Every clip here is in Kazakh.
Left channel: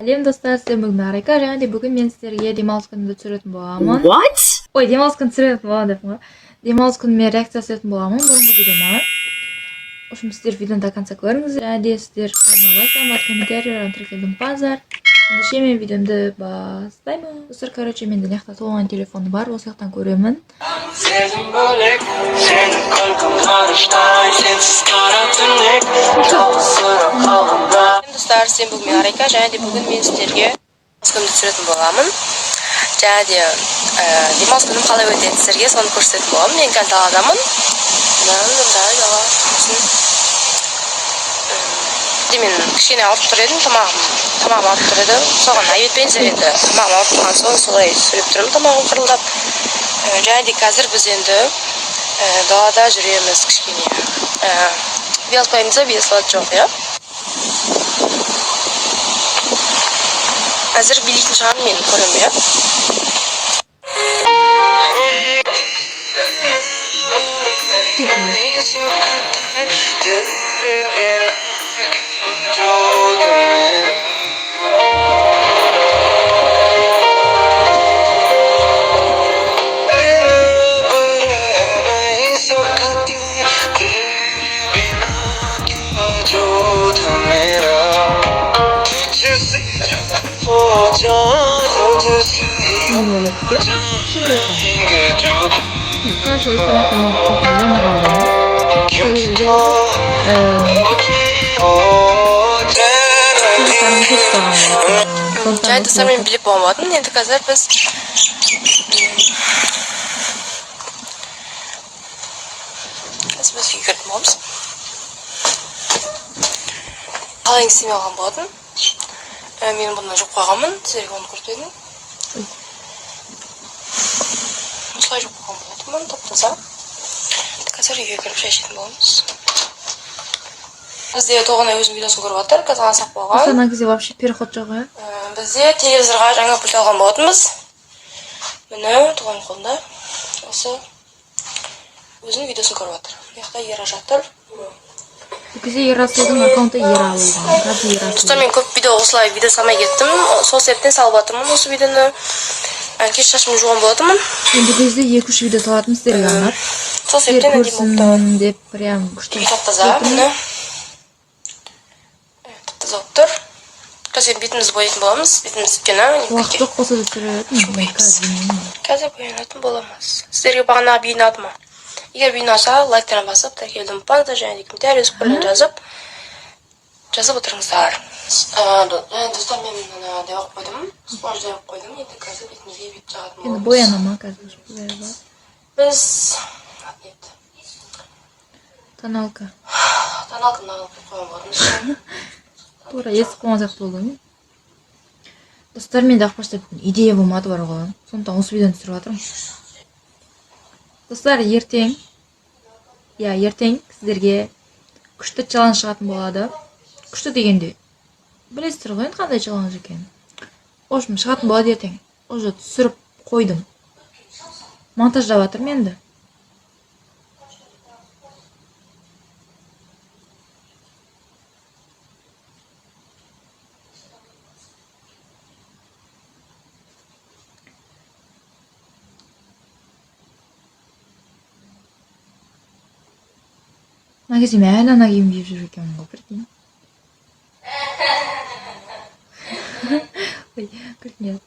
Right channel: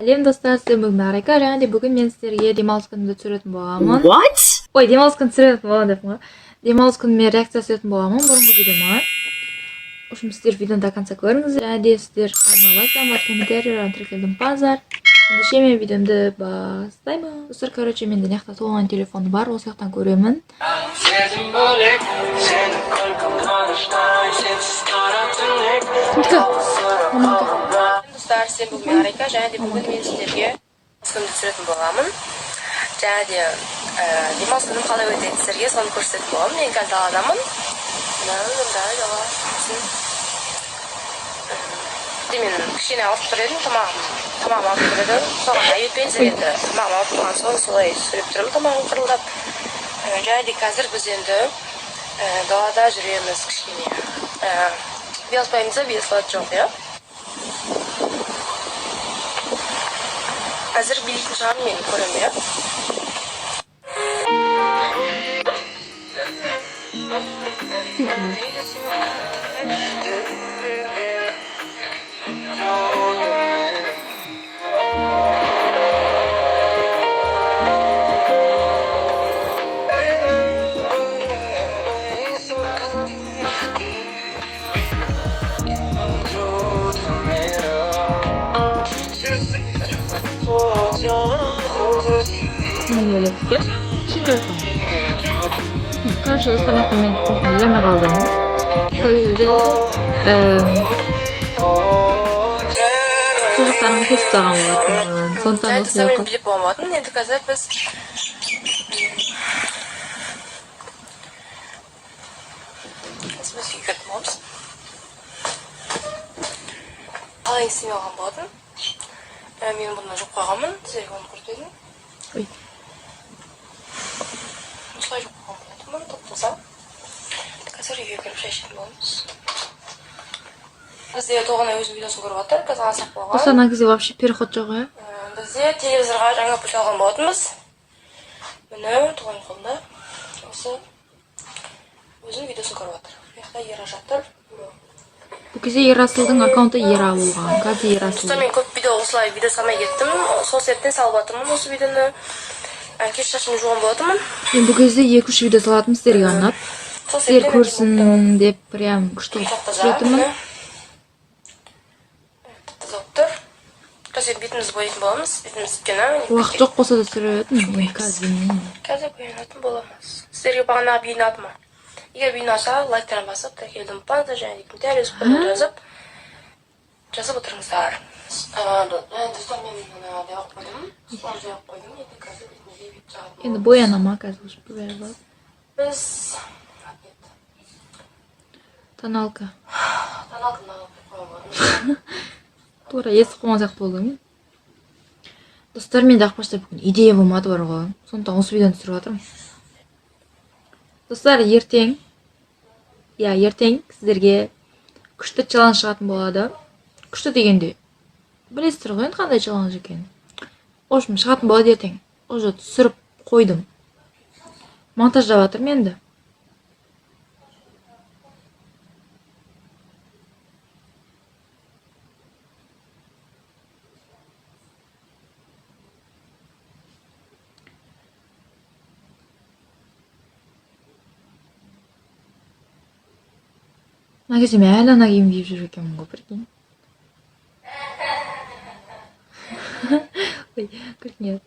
Әлем достар, сіздер бүгін Арайка, және де бүгін мен сіздерге демалыс күнімді түсіретін боламын. What? Ой, демалыс күнін түсіретін боламын деп қой. Демалыс күніме реакция түсіретін боламын бұрынғы видеома. В общем, сіздер видеоны до конца көріңіздер. Және де сіздер қалған лайктан комментарийлерден тіркелдім базар. Ендеше мен видеомды бастаймын. Достар, короче, менде мына жақта толған телефоны бар, осы жақтан көремін. Достар, сен бүгін Арайка, және де бүгін мен сіздерге демалыс күнімді түсіретін боламын. Және де демалыс күнім қалай өтеді сіздерге соны көрсететін боламын. Мен қазір даладамын. Мен кішкене ауырып тұр едім, тамағым ауырып тұр еді. Соған айветпен енді тамағым ауырып тұрған соң солай сөйлеп тұрмын, тамағым қырылдап. Және де қазір біз енді далада жүреміз кішкене. Велосипедімізде велосипед жоқ, иә? Қазір билейтін шығармын, мен көремін, иә? Arkadaşlar o telefonum çok üzerine kaldım. Çocuklarım hiç dağılmadı. Және достар, мен біліп болмадым. Енді қазір біз үйге кіріп боламыз. Қалай істемей алған болатын. Мен бұны жоқ қойғанмын, сіздерге оны көрсетейін. Осылай жоқ қойған болатынмын, тап-таза. Қазір үйге кіріп шешетін боламыз. Бізде тоғына өзім видеосын көріп отыр, қазір асақ болған. Осы ана кезде вообще переход жоқ, иә? Бізде телевизорға жаңа пульт алған болатынбыз. Міне, тоғаның қолында. Осы өзінің видеосын көріп отыр. Яқта Ера жатыр. Бұл кезде Ерасылдың аккаунты Ера болған. Қазір Ерасыл. Достар, мен көп осылай видео салмай кеттім. Сол себептен салып жатырмын осы видеоны. Кеш шашымды жуған болатынмын. Мен бұл кезде 2-3 видео салатым сіздерге арнап. Сіздер көрсін деп прям күшті етімін. Тап-таза болып тұр. Қазір бетімізді боятын боламыз. Бетіміз өткені. Уақыт жоқ болса да түсіретін. Қазір боянатын боламыз. Сіздерге бағана бейнады ма? Егер бейнаса, лайктарына басып, тіркелдім базда, және де комментарий жазып отырыңыздар. Достар, мен деп қойдым. Спорт деп қойдым. Енді қазір бетімізге бет жағатын боламыз. Енді боянама қазір. Біз Тоналка. Тоналканы алып қойған болатынбыз. Тура естіп қойған сияқты болды ме? Достар, менде ақпашта бүгін идея болмады бар ғой. Сондықтан осы видеоны түсіріп жатырмын. Достар, ертең сіздерге күшті челлендж шығатын болады. Күшті дегенде білесіздер ғой енді қандай челлендж екенін. В общем, шығатын болады ертең. Уже түсіріп қойдым. Монтаждап жатырмын енді. Мына кезде мен әлі ана киім киіп жүріп екенмін ғой, прикинь. Ой, күлкіне.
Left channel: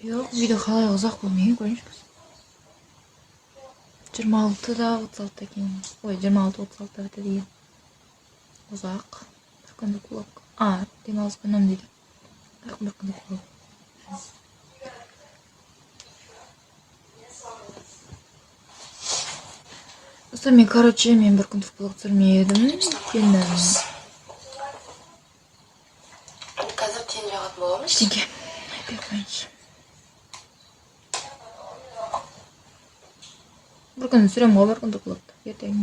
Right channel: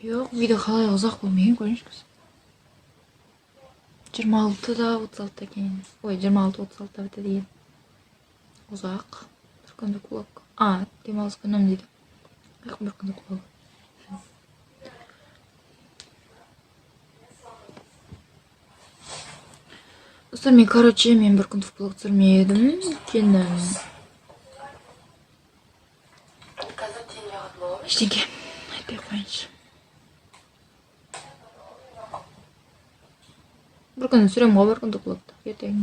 Жоқ, видео қалай ұзақ болмайын, көріңізші. 26-да 36-да кейін. Ой, 26-36-да бітеді екен. Ұзақ. Бір күндік влог. Демалыс күнім дейді. Бір күндік влог. Достар, мен бір күндік влог түсірмедім. Өйткені қазір тен жағатын боламыз. Ештеңе айтпай қойыңызшы. Бір күн түсіремін ғой, бір күндік влогты. Ертең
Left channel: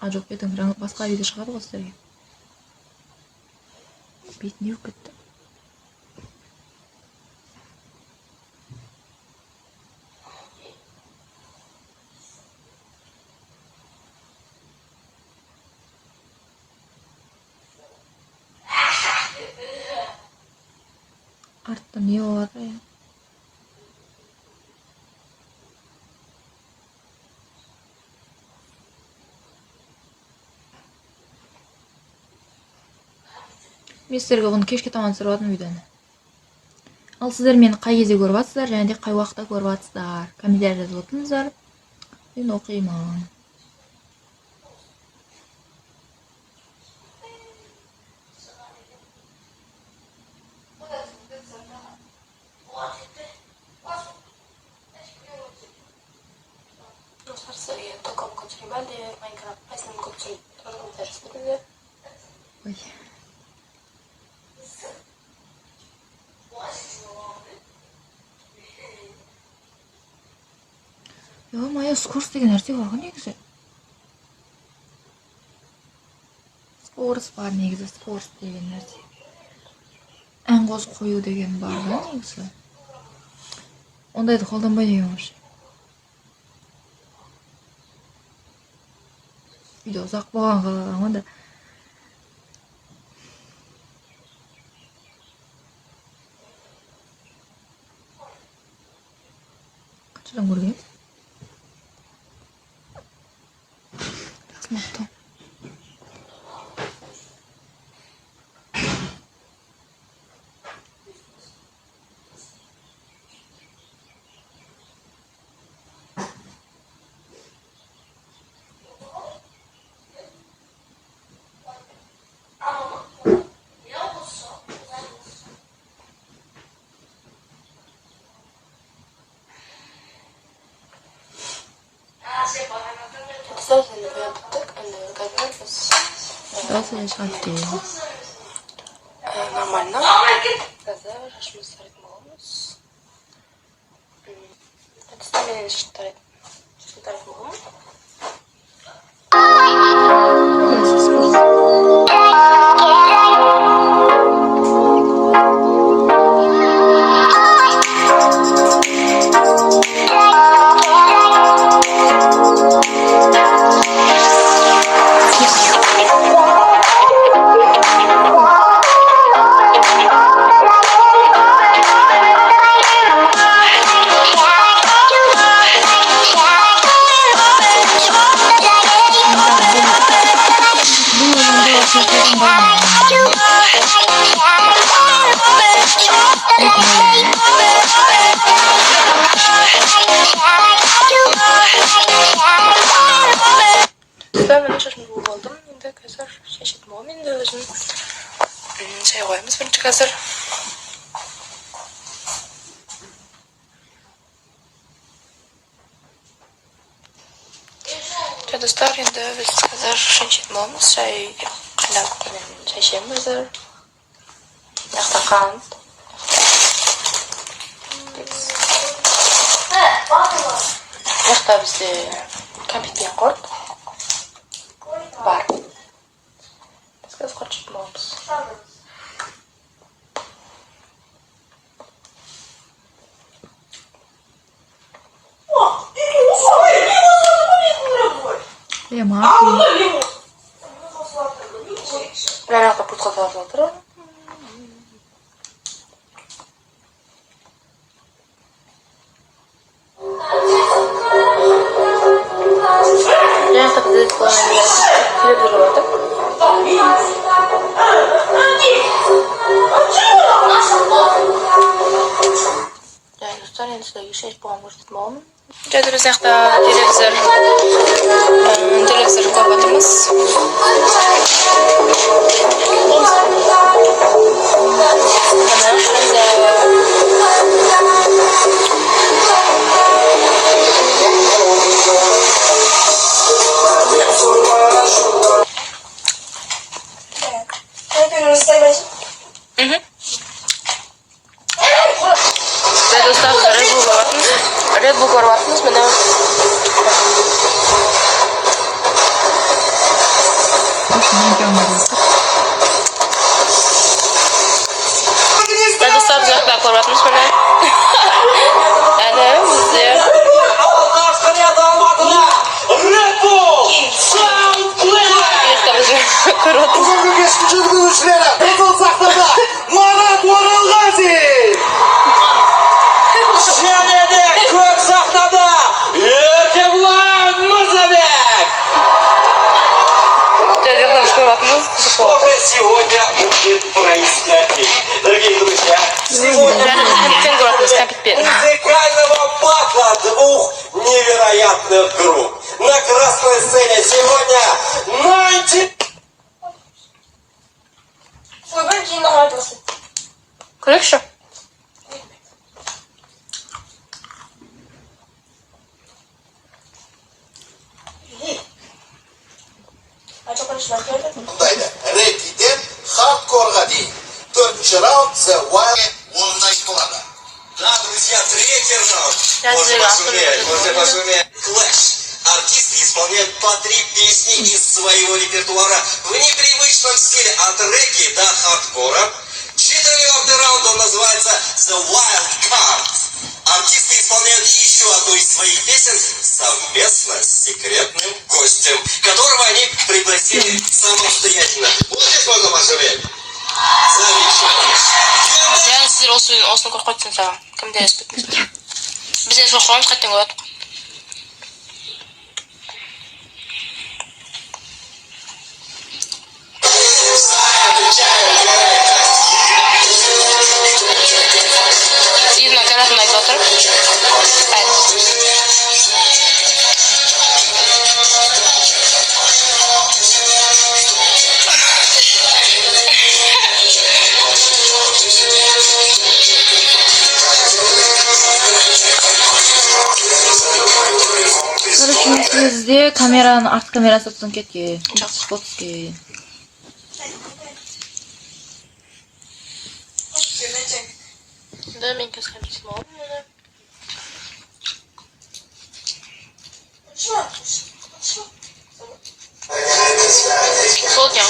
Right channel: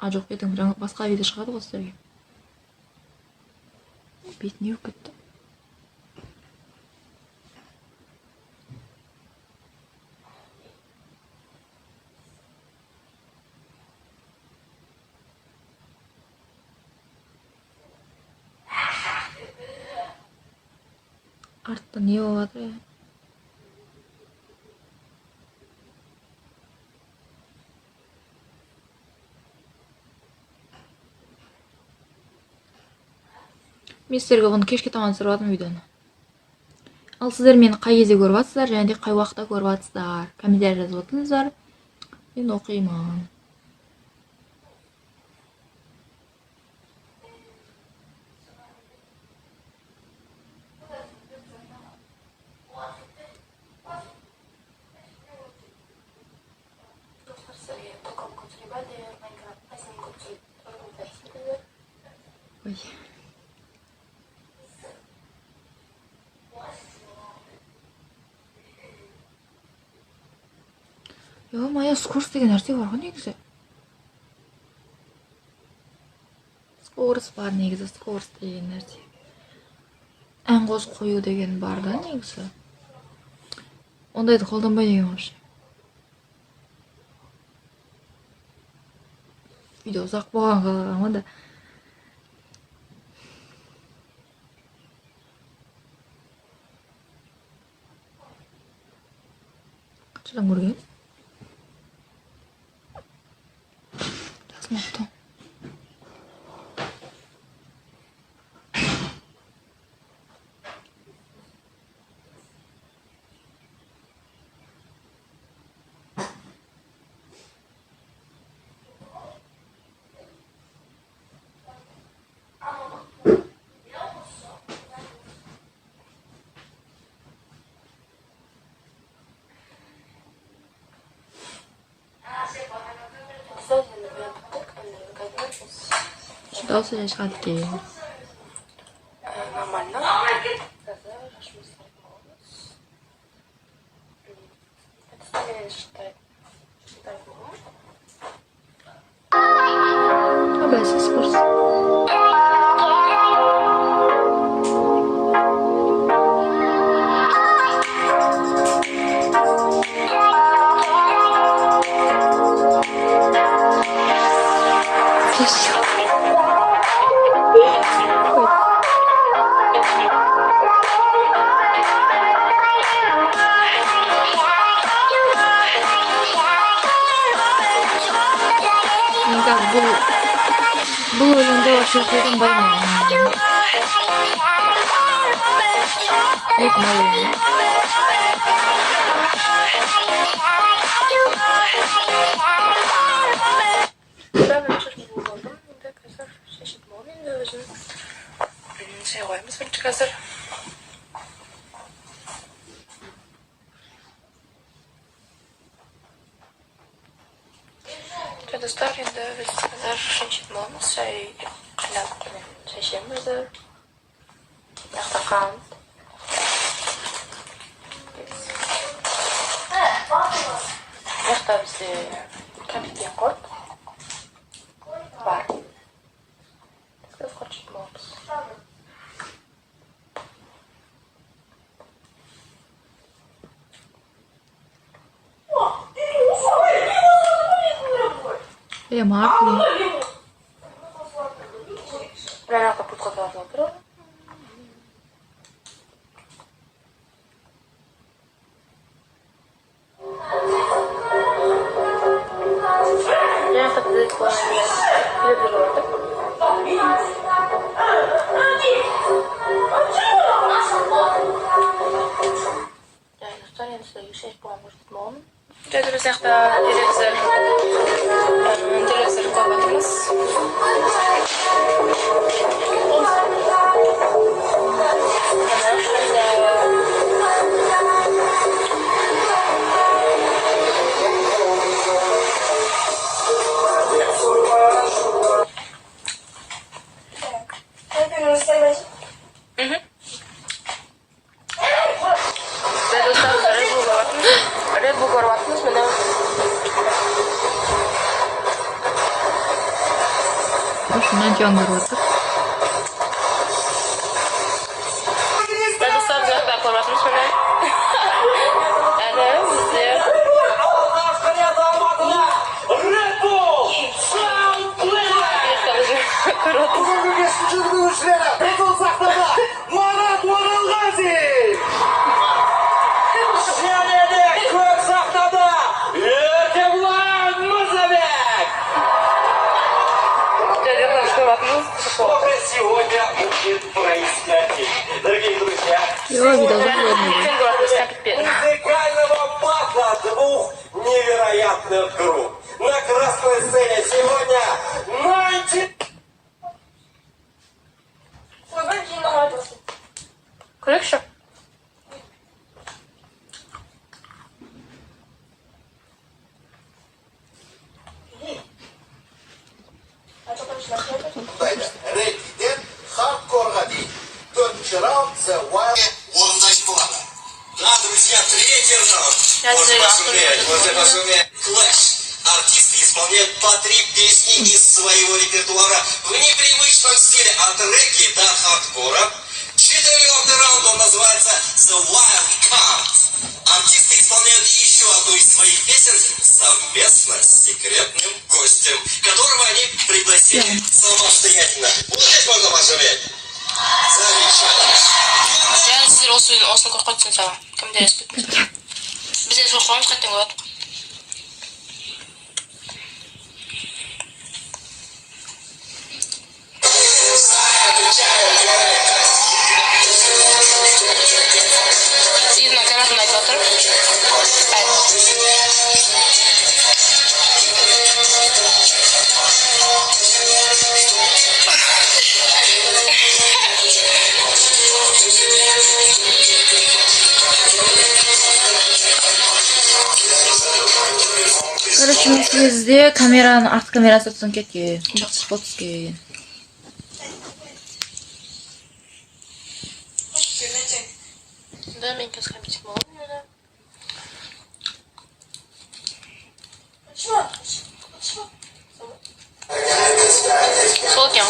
А жоқ, ертең жаңа басқа видео шығады ғой сіздерге. Бетіне өп кетті. Артта не болып жатыр ya? Мен сіздерге бұны кешке таман түсіріп жатырмын видеоны. Ал сіздер мені қай кезде көріп жатсыздар және де қай уақытта көріп жатсыздар? Комментарий жазып отырыңыздар. Мен оқимын. Ой. Моя скорость деген нәрсе бар ғой негізі. Скорость бар негізі, скорость деген нәрсе. Ән қосып қою деген бар да негізі. Ондайды қолданбай деген вообще. Видео ұзақ болған қалаған да. Қаншадан көрген? Жазмапты. Дауысы да шығады дейін. Нормально. Қазір шашымызды тарайтын боламыз. Әдісті менен тарайтын боламыз. Бәсіз көрсін. Бұл өлімді вообще қолданбаймын. Мен шашымды буып алдым. Енді қазір шешетін боламын. Енді өзін шай қоямыз бірінші қазір. Достар, енді біз қазір шешетін боламыз. Шай ішеміз қазір. Жақта қант. Жақта бізде кәмпит пен құрт бар. Біз қазір құрт жейтін боламыз. Марфи. Мен жақта пұтқа салып жатыр. Жақта бізде келіп жүріп жатыр. Достар, енді сіздерге шешіп болған көрсететін боламын. Жәді біз жақта телевизор көріп отырмыз. Red Bull көріп жатырмыз, міне. Şundan canlılardır. Ben dostlar bize ben koruvatmış bana. Yani bizde. Bugungi geçmişin dövüşlere Kızıl Sahnada Murat Oralgazi. Şenede Kök Sahnada Erkeblan Mirzabek. Уже сегодня будет происходить. Дорогие друзья, сегодня музыкального батла двух невероятных групп. На красной сцене сегодня 90... Крыша? Bundaydı. Reykiden hardcore'a değil. 4. round The Wild Wonder Club. Да, друзья, третий раунд. Можно посмотреть. Clash. Артисты исполняют по 3 песни из своего репертуара в непривычном стиле от регги до хардкора. 4-й раунд, он называется The Wild Card. Артисты исполняют еще одну из своих песен совместно с секретным гостем, которого они пригласили самостоятельно. Здесь можно посмотреть. Замечательно. Yani sizler olsun korkutsun sağ. Kim de respetmez. Bize soğuğumuz kaçtın gör. İzin tarafından oturup. Короче, bizde kameranın art kamerası tutun ketken. Spot ketken. Да, мен қазір қайтып қалдым. Сол екен.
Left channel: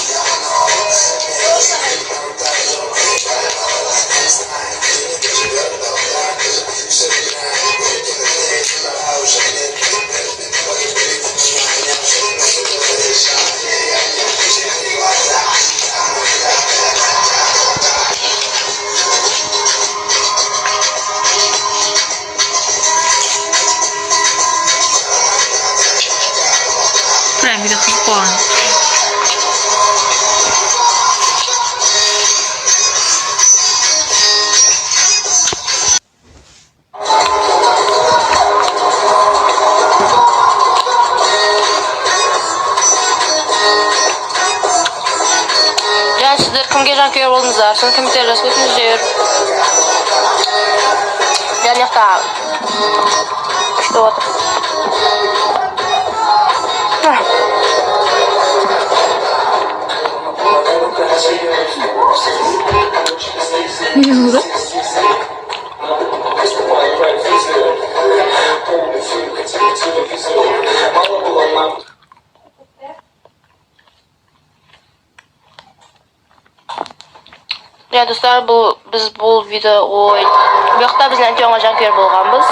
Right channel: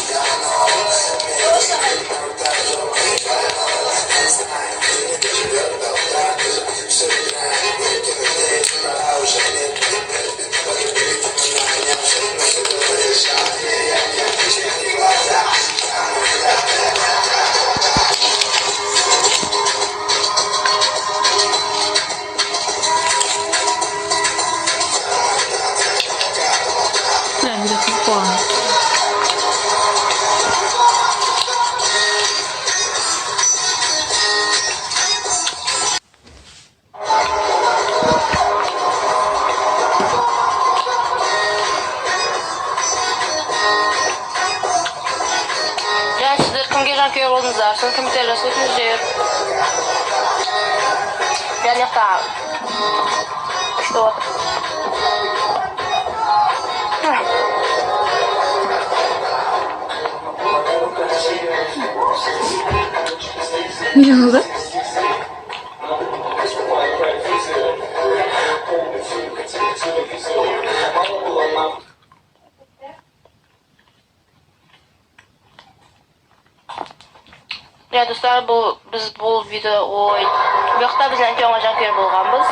Prime video 40 puan. Yani sizler kimge jankeer oldunuzlar? Siz kim tercih etdiniz diyor. Gel yakta. İşte otur. Ne oldu? Ya dostlar, biz bu video bu yoqda bizden çok jankeer bo'lganmiz.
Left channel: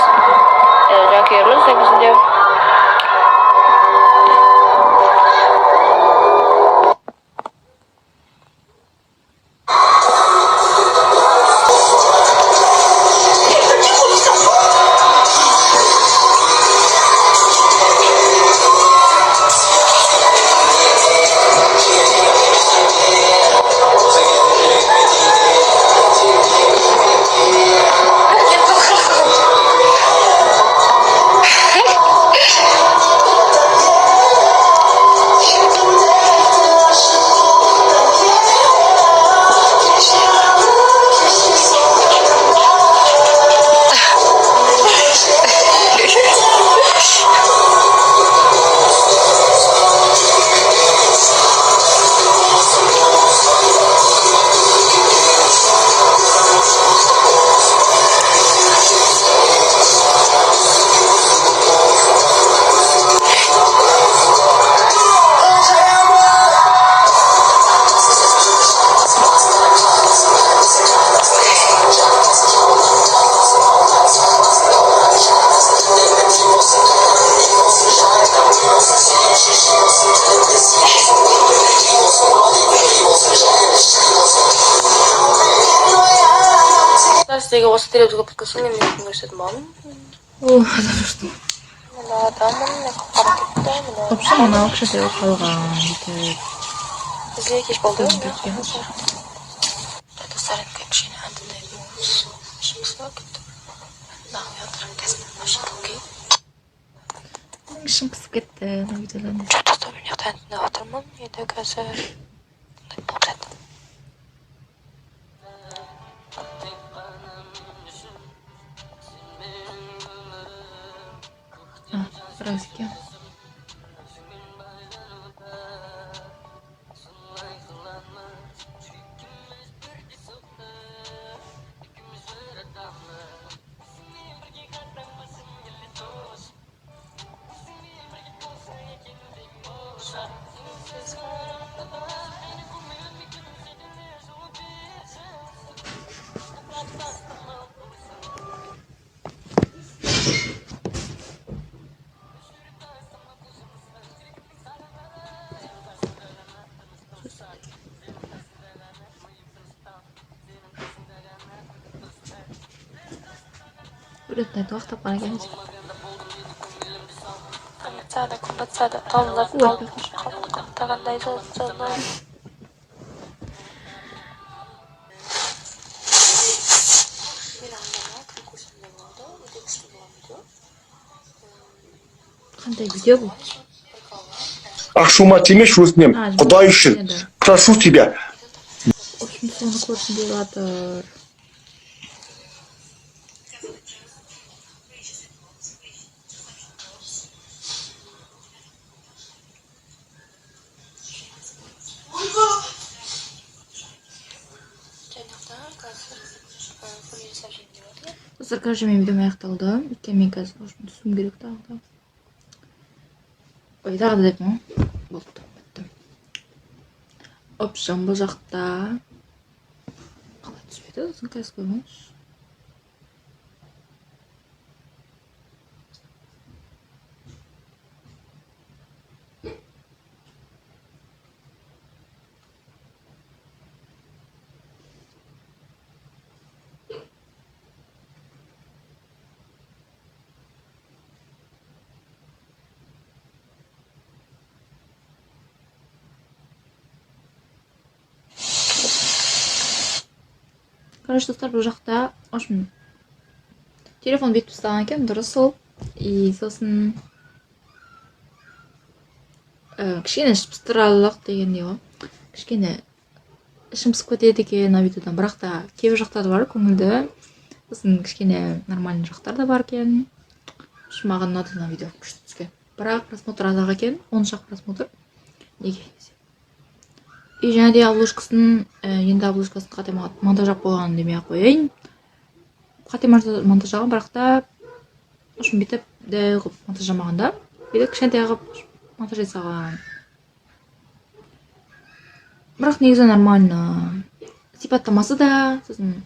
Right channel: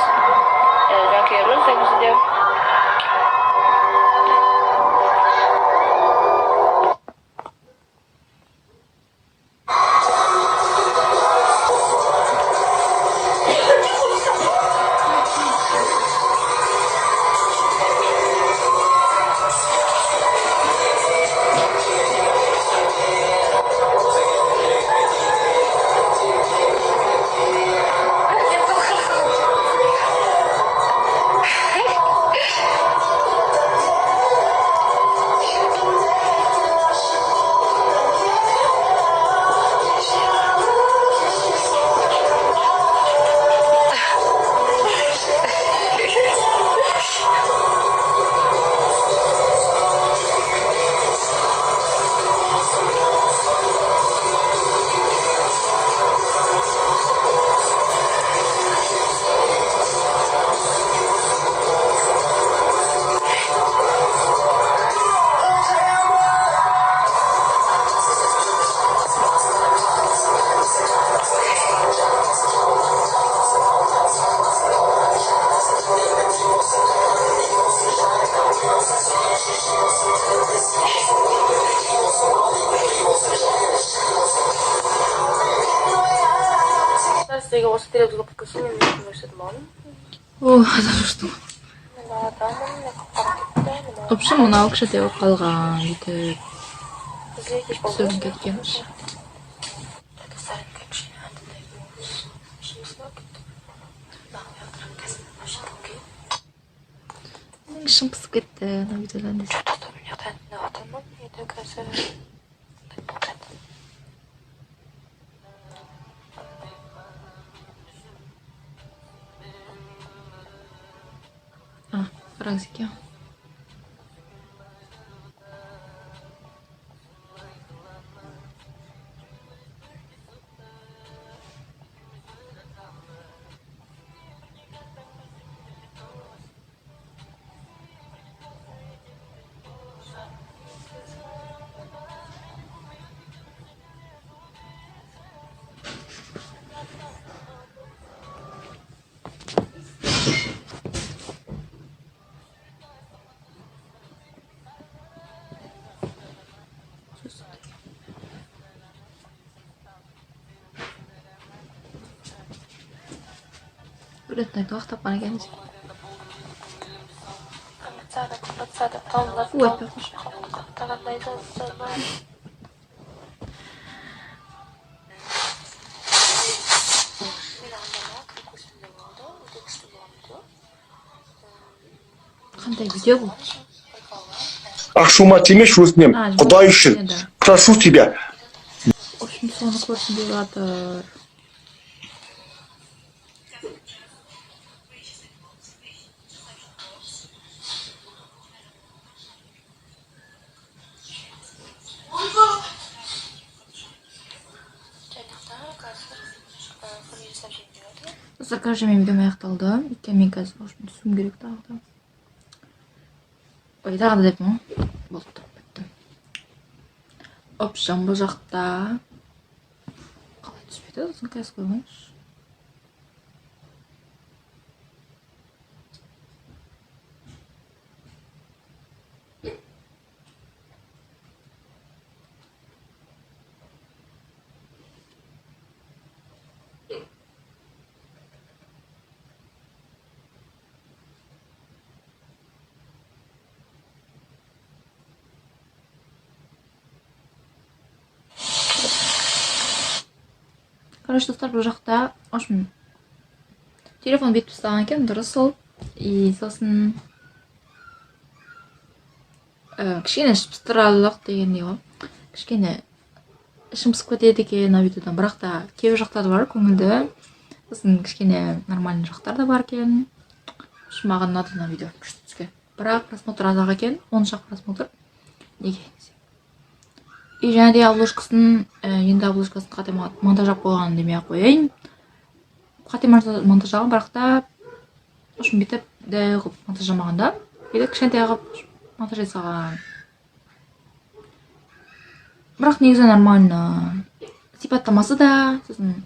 Jankeerimiz bizde. Сізге осы телевизорға подкастың мен көрсетіп маған. О, что? Мына адамын қаратып та мына. В общем, мынау кіші теуіп қалған бүйтіп. Бізге кеш болды. Көзім кеткен. Это сарынка кішкене әндінай болмыз. Шымсыға кетті. Нағым ятырын тесінен машин окей. Ішім пысып кетті, мына видеодан. Что-то мен яқта әндіне атырмын. Еді қазір. Болып жатыр. А, разики. Udah itu waktu apa lagi sih? Қымбатсады, талылар, Ой, қаптағандай жазды. Қандай видео бұл? Ашуыма тимеші өзінем, Құдай үшін, прошу тебя. В общем, соны көрсін деп жатыр. Достар, короче, мен видеом аяқталды. Өйткені мен қазір түсім керек тағы да. Ой, тағы да дедім ғой. Болды, біттім. В общем, бұл жақта қалай түспеді? Сосын қазір қойғаншы. Короче, достар, бұл жақта, в общем, телефон бетіп ұстаған екен, дұрыс сол. И сосын кішкене пыстыралық дегендей ғой. Кішкене ішім пысып кетеді екен видеодан, бірақ та кейбір жақтары бар көңілді. Сосын кішкене нормальный жақтар да бар екен. Маған ұнады мына видео күшті түскен. Бірақ просмотр азақ екен, 10 шақ просмотр. Неге? И және де обложкасын, енді обложкасын қате монтажап қойған демей-ақ қояйын. Қате монтажаған, бірақ та ұшын бетіп дәй ғып монтажамағанда, бетіп кішкентай ғып монтаж жасаған. Бірақ негізі нормально. Сипаттамасы да, сосын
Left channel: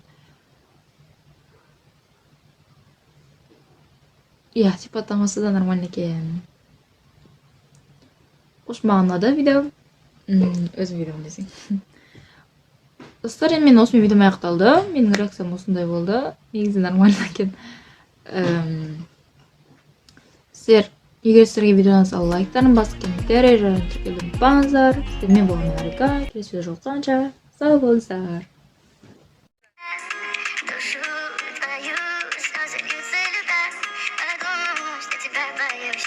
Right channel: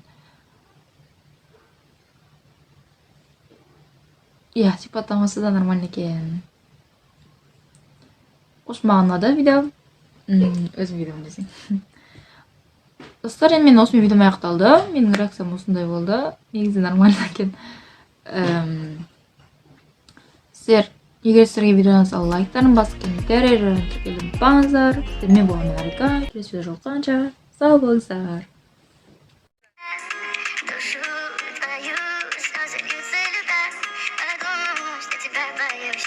сипаттамасы да нормально екен. Ұшын маған ұнады видео. Өзім видеом десең. Достар, енді мен осымен видеом аяқталды. Менің реакциям осындай болды. Негізі нормально екен. Сіздер, егер сіздерге видеодан сау лайктарын басып, комментарий жазып тіркелуді ұмытпаңыздар. Сіздермен болған Арика. Келесі видеода жолыққанша сау болыңыздар. Душу твою слезы и целюта, потому что тебя боюсь.